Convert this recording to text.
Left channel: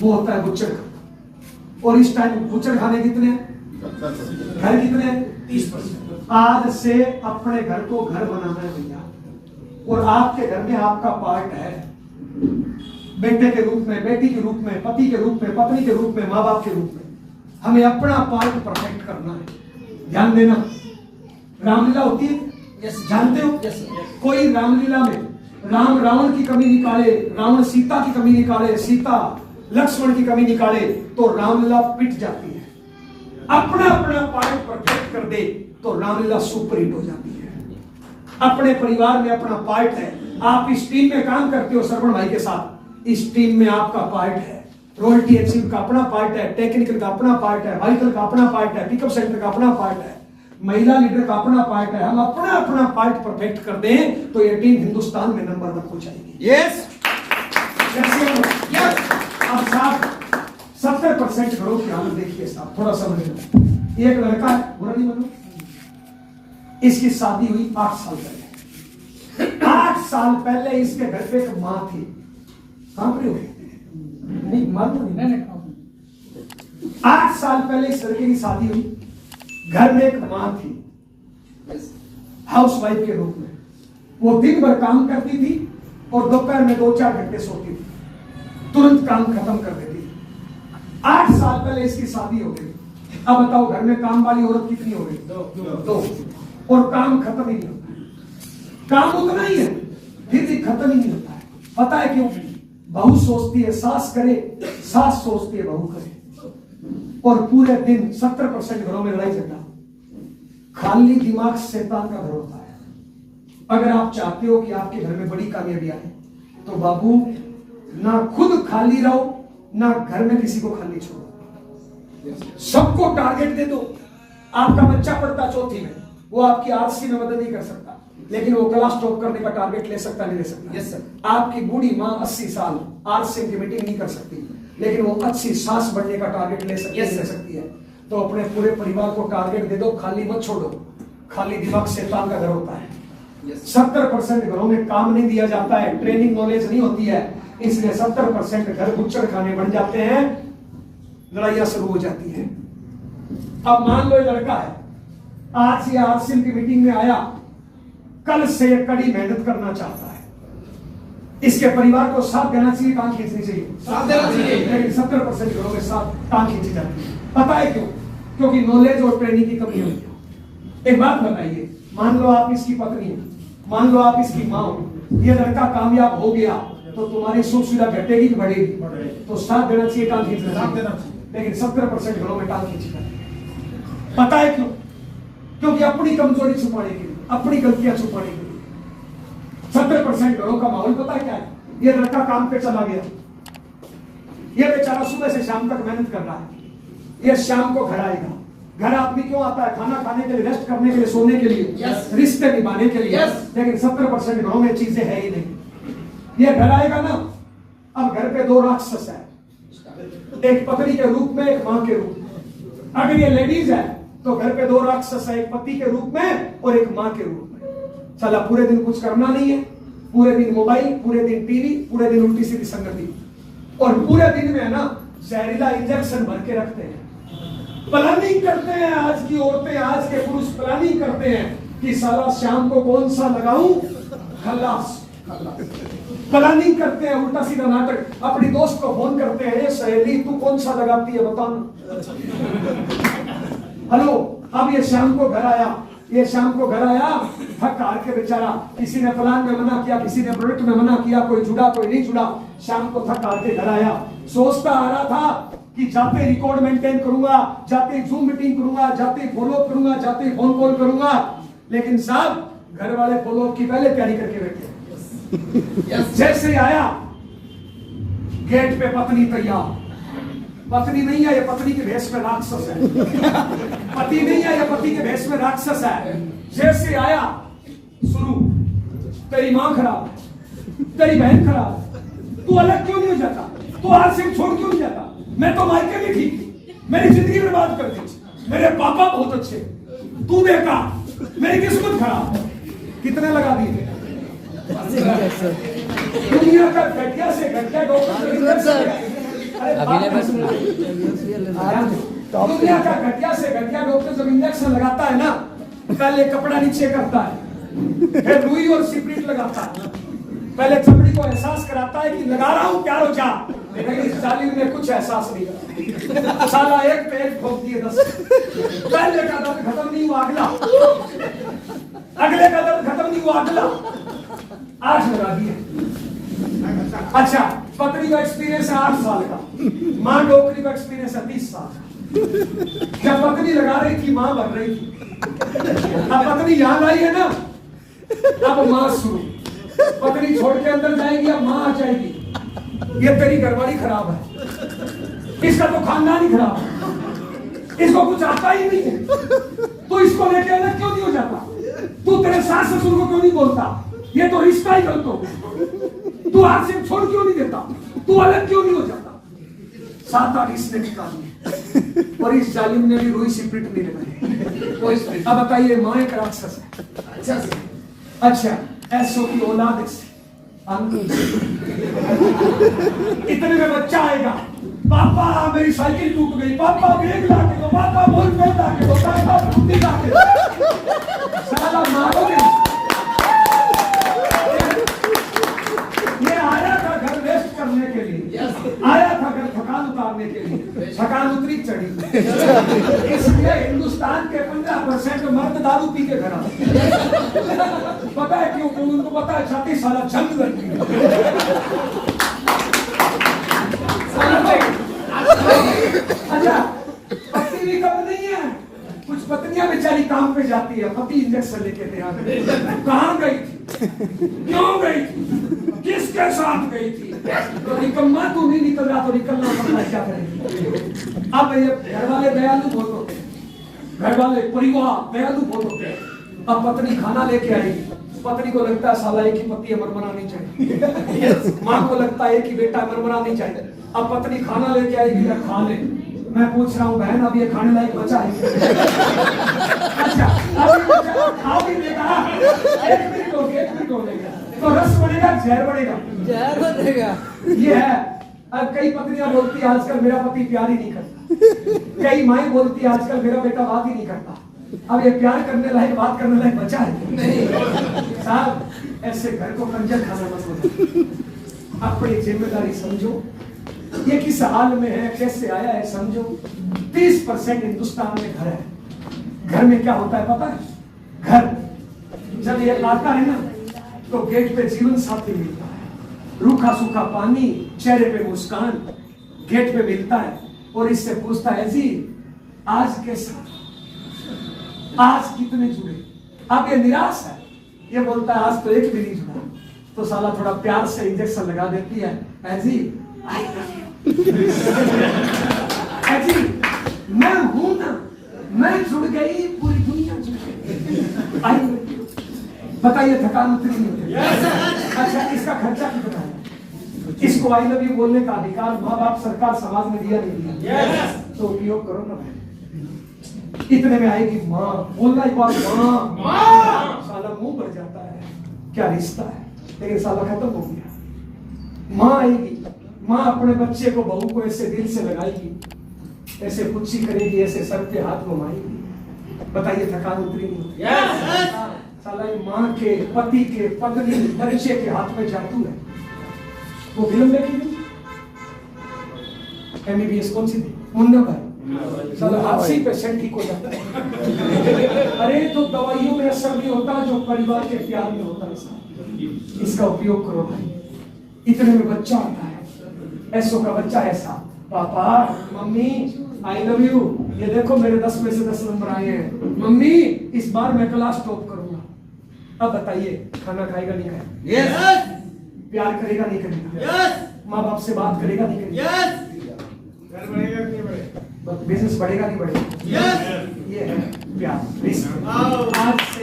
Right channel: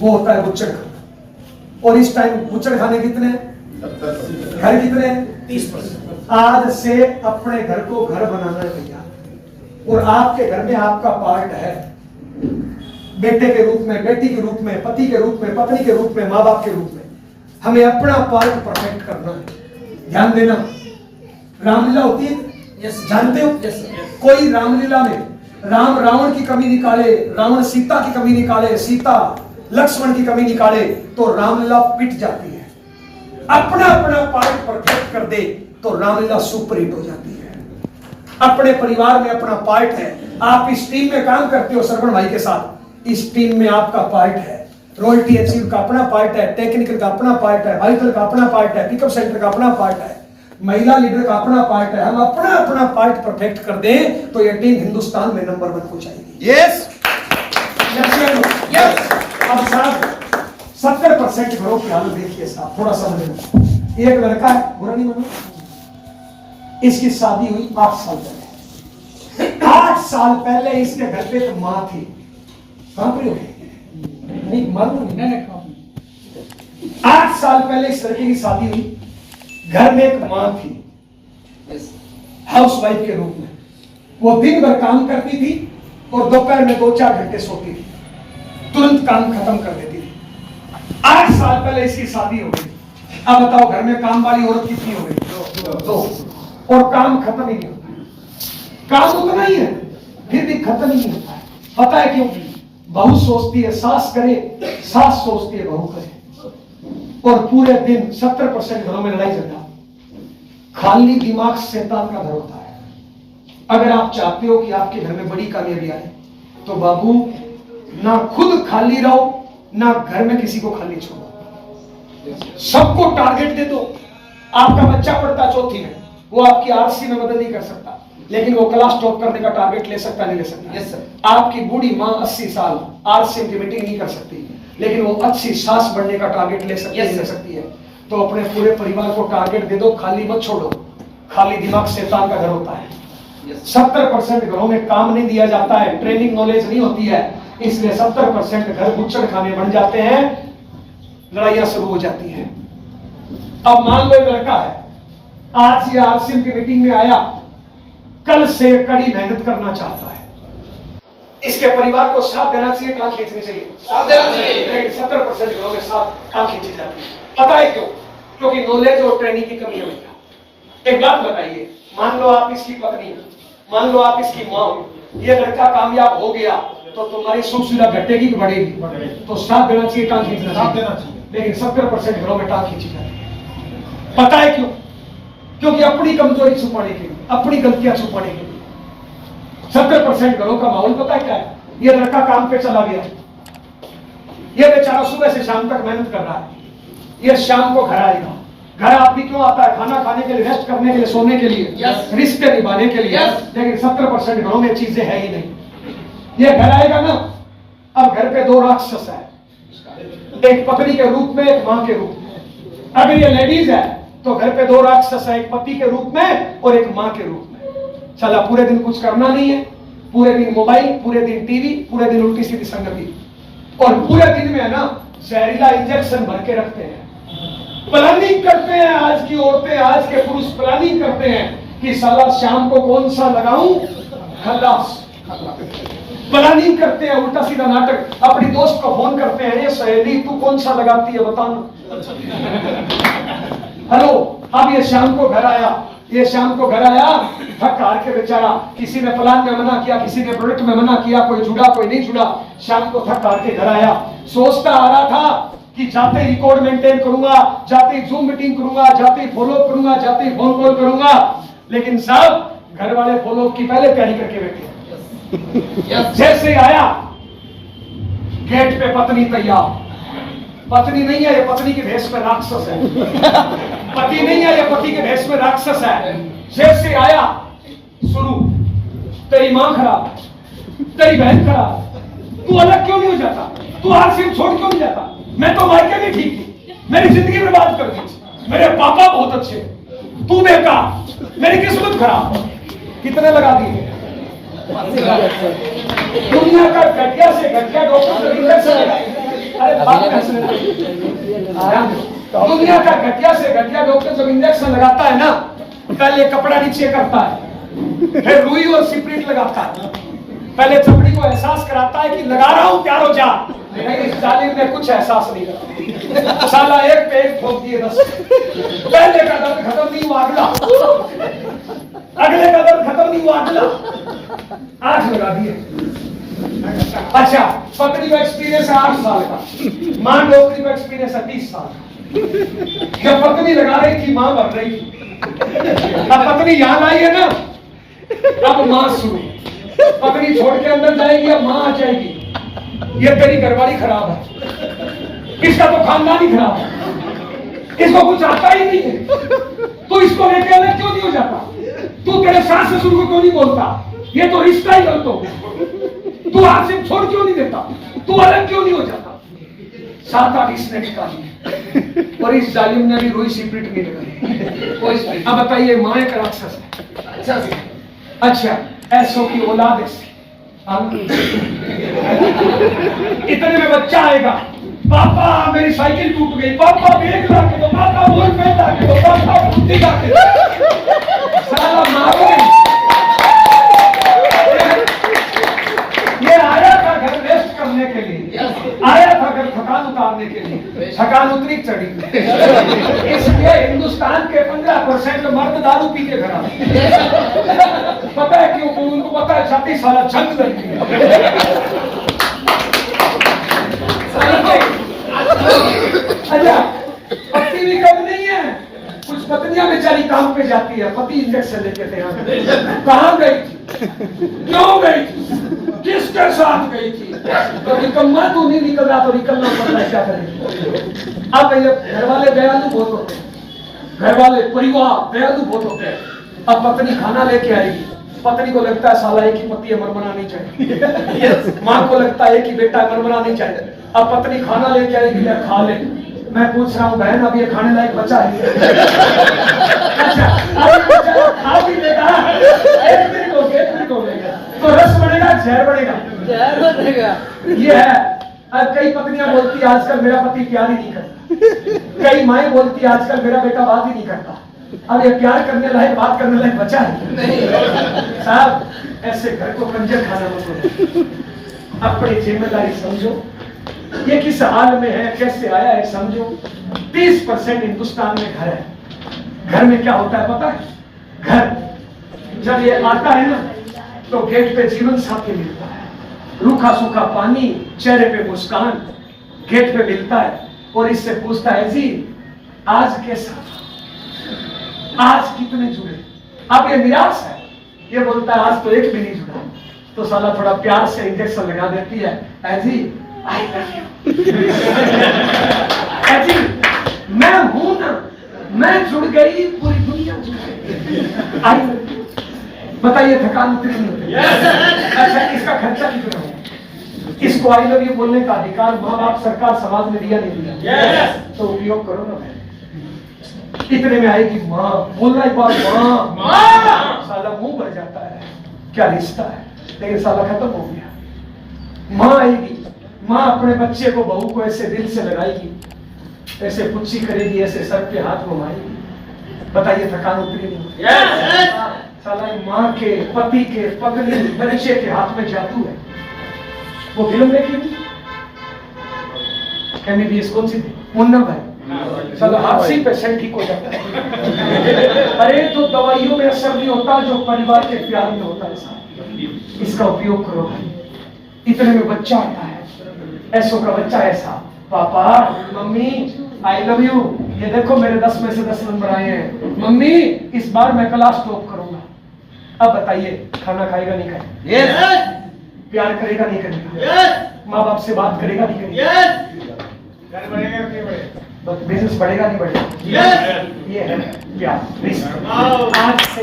वो होता है बुच्चड़ खाना। और इस टाइम बुच्चड़ खाने कितने हैं? घर कितने हैं? 30%। आज से अपने घर को घर बनाना है भैया, और आपके घर में आपका पार्ट है, बेटे के रूप में, बेटी के रूप में, पति के रूप में, पत्नी के रूप में, माँ बाप के रूप में। हमें अपना पार्ट परफेक्ट करना है। ध्यान देना, रामलीला होती है, जानते हो? कोई रामलीला में राम रावण की कमी निकाले, रावण सीता की कमी निकाले, सीता लक्ष्मण की कमी निकाले, तो रामलीला पिट जाती है। अपना अपना पार्ट परफेक्ट कर दे तो रामलीला सुपर हिट हो जाती है। अपने परिवार में अपना पार्ट है। आप इस टीम में काम करते हो श्रवण भाई के साथ, इस टीम में आपका पार्ट है। रॉयल्टी एचसीयू का अपना पार्ट है, टेक्निकल का अपना पार्ट है, वाइटल का अपना पार्ट है, पिकअप सेंटर का अपना पार्ट है, महिला लीडर का अपना पार्ट है। हम अपना अपना पार्ट परफेक्ट कर दें तो ये टीम हिंदुस्तान में नंबर 1 हो जाएगी। Yes yes. अब साहब 70% घरों की हालत देखिए साहब, थोड़ा समझ। एक लड़का है, बुरा नहीं मानो, इसकी शादी हुई 8 साल पहले। 8 साल पहले इसके घर पे एक माँ थी। नहीं मालूम नहीं। 8 साल पहले इस लड़के की शादी हुई, घर में एक माँ थी हाउस वाइफ के रूप में। वो दिन भर काम करती थी और दोपहर में 2-4 घंटे सोती थी, तुरंत काम खत्म कर देती थी। 8 साल पहले इसकी शादी हो गई। अब बताओ घर में काम वाली औरत कितनी हो गई? 2। और काम खत्म ही नहीं होता है। काम उतना ही है फिर भी खत्म ही नहीं होता है। पता है क्यों? बहू सोचती है सास करे, सास सोचती है बहू करे, और पूरे दिन 70% घरों में लड़ाई झगड़ा। खाली दिमाग शैतान का घर होता है। अगर आप चाहते हो कि आपके घर में बड़ी कामयाबी आए तो बाबू ना खुद खाली रहो, ना घर में किसी को खाली छोड़ो। सबको टारगेट दे दो। आपका बच्चा पढ़ता 4th में, वो आपकी आरसी में मदद नहीं कर सकता, लेकिन वो क्लास टॉप करने का टारगेट ले सकता नहीं ले सकता? Yes sir. आपकी बूढ़ी माँ 80 साल आरसीएम की मीटिंग नहीं कर सकती, लेकिन वो अच्छी सास बनने का टारगेट ले सकती है, ले सकती है। तो अपने पूरे परिवार को टारगेट दे दो, खाली मत छोड़ो। खाली दिमाग शैतान का घर होता है। 70% घरों में काम नहीं दिया जाता है, ट्रेनिंग नॉलेज नहीं होती है, इसलिए 70% घर बुच्चड़ खाने बन जाते हैं, लड़ाइयां शुरू हो जाती है। अब मान लो एक लड़का है, आज ये आरसीएम की मीटिंग में आया, कल से कड़ी मेहनत करना चाहता है। इसके परिवार को साथ देना चाहिए, टांग खींचनी चाहिए? साथ देना चाहिए। लेकिन 70% घरों में साथ टांग खींची जाती है। पता है क्यों? क्योंकि नॉलेज और ट्रेनिंग की कमी है। एक बात बताइए, मान लो आप इसकी पत्नी, मान लो आप इसकी माँ हो, ये लड़का कामयाब हो गया तो तुम्हारी सुख सुविधा घटेगी कि बढ़ेगी? तो साथ देना चाहिए, टांग खींचना चाहिए। लेकिन 70% घरों में टांग खींची जाती है। पता है क्यों? क्योंकि अपनी कमजोरी छुपाने के लिए, अपनी गलतियां छुपाने के लिए। 70% घरों का माहौल पता है क्या है? ये लड़का काम पे चला गया, ये बेचारा सुबह से शाम तक मेहनत कर रहा है, ये शाम को घर आएगा। घर आदमी क्यों आता है? खाना खाने के लिए, रेस्ट करने के लिए, सोने के लिए, रिश्ते निभाने के लिए। लेकिन 70% घरों में चीजें है ही नहीं। ये घर आएगा ना, अब घर पे 2 राक्षस है, एक पत्नी के रूप में, एक माँ के रूप में। अगर ये लेडीज है तो घर पे 2 राक्षस है, एक पति के रूप में और एक माँ के रूप में। चला पूरे दिन कुछ करना नहीं है, पूरे दिन मोबाइल, पूरे दिन टीवी, पूरे दिन उल्टी सीधी संगति, और पूरे दिन में है ना जहरीला इंजेक्शन भर के रखते हैं। प्लानिंग करते हैं, आज की औरतें, आज के पुरुष प्लानिंग करते हैं कि साला शाम को कौन सा लगाऊं, खल्लास। प्लानिंग करते हैं, उल्टा सीधा नाटक। अपनी दोस्त को फोन करते हैं, ये सहेली तू कौन सा लगाती है बताना। हेलो, अब ये शाम को घर आया, ये शाम को घर आया थक हार के बेचारा, किसी ने प्लान में मना किया, किसी ने प्रोडक्ट में मना किया, कोई जुड़ा कोई नहीं जुड़ा। शाम को थक हार के घर आया, सोचता आ रहा था कि जाते ही रिकॉर्ड मेंटेन करूंगा, जाते ही जूम मीटिंग करूंगा, जाते ही फॉलो करूंगा, जाते ही फोन कॉल करूंगा। लेकिन साहब घर वाले फॉलो की पहले तैयारी करके बैठे। जैसे आया गेट पे पत्नी तैयार, पत्नी नहीं है ये पत्नी के भेष में राक्षस है, पति नहीं है ये पति के भेष में राक्षस है। जैसे आया शुरू, तेरी मां खराब, तेरी बहन खराब, तू अलग क्यों नहीं हो जाता, तू आरसीएम छोड़ क्यों नहीं जाता, मैं तो मायके में ठीक थी, मेरी जिंदगी बर्बाद कर दी, मेरे पापा बहुत अच्छे, तू बेकार, मेरी किस्मत खराब। कितने लगा दिए? दुनिया का घटिया से घटिया डॉक्टर इंजेक्शन लगाए, दुनिया का घटिया से घटिया डॉक्टर जब इंजेक्शन लगाता है ना, पहले कपड़ा नीचे करता है, फिर रुई और सिपरेट लगाता है, पहले चमड़ी को एहसास कराता है कि लगा रहा हूं प्यार हो जा। लेकिन इस जालिम ने कुछ एहसास नहीं करा, साला एक पेज ठोक दिए बस। पहले का दर्द खत्म नहीं हुआ, अगला, अगले का दर्द खत्म नहीं हुआ, अगला, 8 लगा दिए। अच्छा, पत्नी का एक्सपीरियंस है 8 साल का, मां डॉक्टरी का एक्सपीरियंस है 30 साल। जब पत्नी लगा रही थी, मां बन रही थी। अब पत्नी यहां आई है ना, अब मां शुरू। पत्नी छोड़ के अंदर जाएगी, अब मां आ जाएगी। ये तेरी घरवाली खराब है, इसका तो खानदान ही खराब है, इसको कुछ आता ही नहीं है। तू इसको लेके अलग क्यों नहीं हो जाता? तू तेरे सास ससुर को क्यों नहीं बोलता? ये तो रिश्ता ही गलत हो गया। तू आसिफ छोड़ क्यों नहीं देता? तू अलग क्यों नहीं हो जाता? 7-8 इसने निकाली और इस जालिम ने भी रुई सिपरेट नहीं लगाई। अब बताइए, मां एक राक्षस है। अच्छा, ऐसो की औलाद ऐसी, इतने में बच्चा आएगा, पापा मेरी साइकिल टूट गई, पापा बैग ला के दो, पापा बॉल पेन ला के दो, पापा बुद्धि ला के दो। साला मारो। ये आया था घर रेस्ट करने के लिए, आया था घर थकान उतारने के लिए, थकान उतरी चढ़ी। इसलिए हिंदुस्तान के 15% मर्द दारू पी के घर आते। पता है क्यों? उनको पता है 36 साल जंग लगी है। अच्छा, पत्नी भी कम नहीं है, कुछ पत्नियां बेचारी काम पे जाती है, पति इंजेक्शन लेके थे। कहां गई थी, क्यों गई थी, किसके साथ गई थी? तो निकम्मा तू नहीं निकल रहा तो निकलना पड़ रहा है, क्या करेंगे? अब भैया घर वाले दयालु बहुत होते हैं, घर वाले परिवार दयालु बहुत होते हैं। अब पत्नी खाना लेके आएगी, पत्नी को लगता है साला एक ही पति है, मरमरा नहीं चाहिए। माँ को लगता है कि बेटा मरमरा नहीं चाहिए। अब पत्नी खाना लेके आएगी, खा ले। मैं पूछ रहा हूँ बहन, अब ये खाने लायक बच्चा है? अच्छा, खा भी लेगा, 1 मिनट हो गया तो रस बढ़ेगा, जहर बढ़ेगा, जहर बढ़ेगा। ये है। अब कई पत्नियां बोलती आजकल मेरा पति प्यार ही नहीं करता, कई माएं बोलती आजकल मेरा बेटा बात ही नहीं करता। अब ये प्यार करने लायक, बात करने लायक बचा है नहीं साहब। ऐसे घर को कंजर खाना मत बोलो, अपनी जिम्मेदारी समझो। ये किस हाल में है, कैसे आया है समझो। 30% हिंदुस्तान में घर है। घर में क्या होता है पता है? घर जब ये आता है ना, तो गेट पे जीवन साथी मिलता है, रूखा सूखा पानी, चेहरे पे मुस्कान, गेट पे मिलता है और इससे पूछता है जी आज कैसा, आज कितने जुड़े? अब ये निराश है, ये बोलता है आज तो एक भी नहीं जुड़ा। तो साला थोड़ा प्यार से इंजेक्शन लगा देती है, ऐसी आई लव यू, ऐसी मैं हूं ना, मैं जुड़ गई, पूरी दुनिया जुड़ गई। I love you. बताइए थकान उतरी नहीं होती? अच्छा, इसका खर्चा कितना है? इसको आई लव यू बोलने का अधिकार माँ बाप, सरकार, समाज ने दिया नहीं दिया? तो उपयोग करो ना भाई। इतने में आएगी माँ, बोलना एक बार माँ, साला मुंह भर जाता है, क्या रिश्ता है, लेकिन साला खत्म हो गया। माँ आएगी, माँ अपने बच्चे को, बहू को ऐसे दिल से लगाएगी, ऐसे पुच्ची करेगी, ऐसे सर पे हाथ घुमाएगी। बताइए थकान उतरी नहीं? साला माँ के, पति के, पत्नी, बच्चे के हाथ में जादू है। वो फिल्म देखी MBBS कौन सी थी? मुन्ना भाई, साला हादसे पेशेंट ठीक हो जाता है। अरे तो दवाइयों में असर नहीं होता जो परिवार के प्यार में होता है साहब। इसका उपयोग करो भाई। इतने में बच्चा आता है, ऐसो का बच्चा ऐसा, papa mummy I love you, ये देखो मेरे 10 में से 10 नंबर आए हैं, मम्मी इस बार मैं क्लास टॉप करूंगा। अब बताइए खाना खाएगा नहीं खाएगा? yes. प्यार करेगा नहीं करेगा? yes. माँ बाप से बात करेगा नहीं करेगा? yes. बढ़ेगा नहीं बढ़ेगा? बिजनेस बढ़ेगा नहीं बढ़ेगा? yes. ये है प्यार। आज से